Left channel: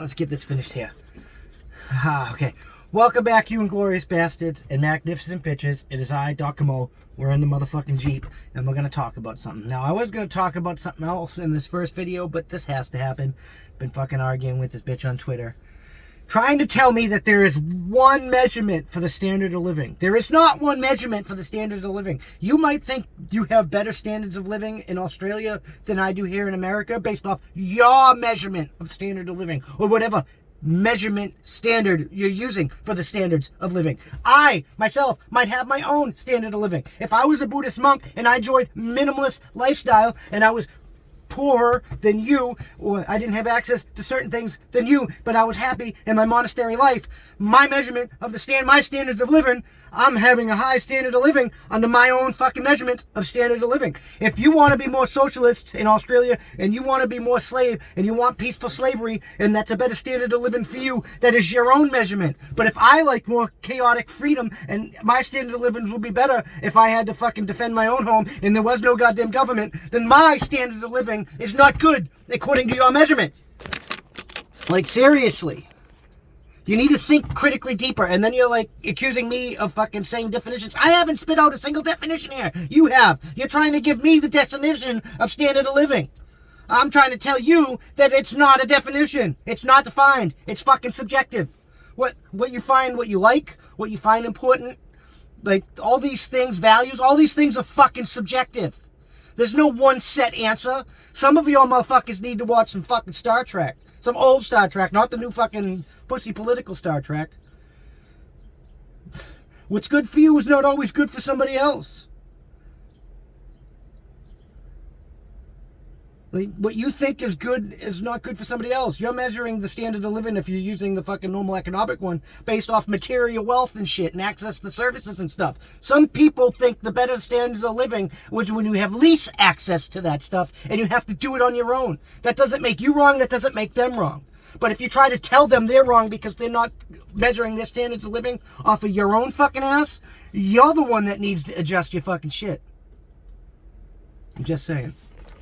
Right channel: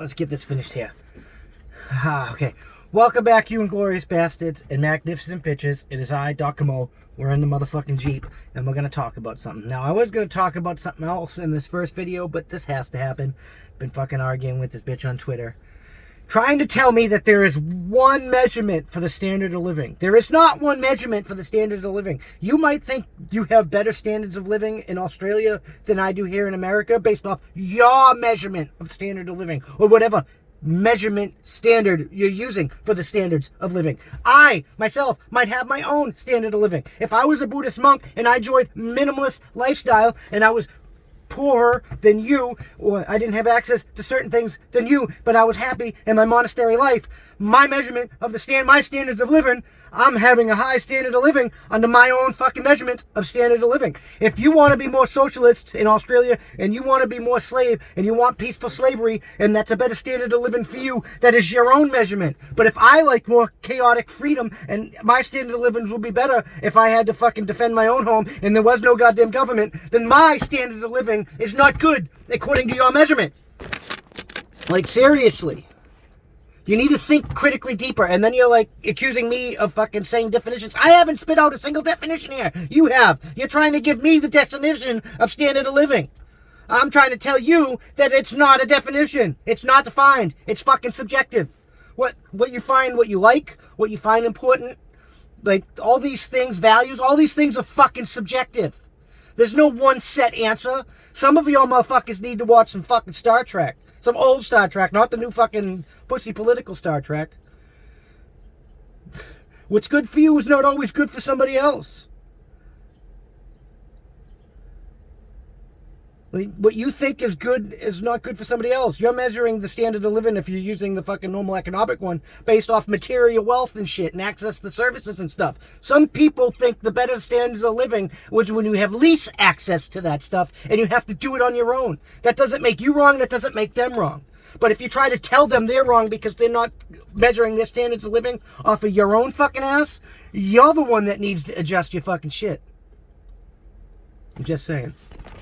let's get this finished here. Okay. Welcome back, you inglorious bastards and magnificent bitches. It is I, Comeau. We're in the motherfucking Jeep, and we're going to talk about something. Now, I was going to talk about something else in this first video, but this has to happen. Been fucking arguing with this bitch on Twitter, trying to tell me that there is one measurement for the standard of living. There is not one measurement for the standards of living. You might think you have better standards of living in Australia than I do here in America based off your measurement of standard of living, or whatever measurement standard you're using for the standards of living. I, myself, might have my own standard of living. If I was a Buddhist monk and I joined minimalist lifestyle and I was poorer than you, or I didn't have access to certain things than you, but I was happy in my monastery life, my measurement of my standards of living, I'm having a high standard of living under my own fucking measurement of standard of living. If you want to be more socialist in Australia, and you want to be more slave, and you want peaceful slavery, and that's a better standard of living for you, that is your own measurement. But if I like more chaotic freedom, and my standard of living would be better if I had to fucking defend my own home, and there was no goddamn government, then my standard of living is not good, according to your measurement. Like, seriously. You need to think critically deeper, and then you're like accusing me of fucking saying definitions. I haven't spit out a single definition here. You have. You're trying to give me the definition of standard of living. I'm trying to tell you that it's not a definition. It's not defined. It's fucking subjective. What you find, what you like, what you find important, like all these things, values, all these things are fucking subjective. There's no one set answer. Some of y'all motherfuckers need to watch some fucking Star Trek. Some old Star Trek, not the new fucking pussy political Star Trek. What's good for you is not always good for somebody else. Like, what you think is good is not good for somebody else. You're measuring the standard of living if you're using the fucking normal economic one based off material wealth and shit and access to services and stuff. Some people think the better standards of living is when you have least access to that stuff and you have to do it on your own. That doesn't make you wrong. That doesn't make them wrong. But if you try to tell them they're wrong because they're not measuring their standards of living off of your own fucking ass, you're the one that needs to adjust your fucking shit. I'm just saying.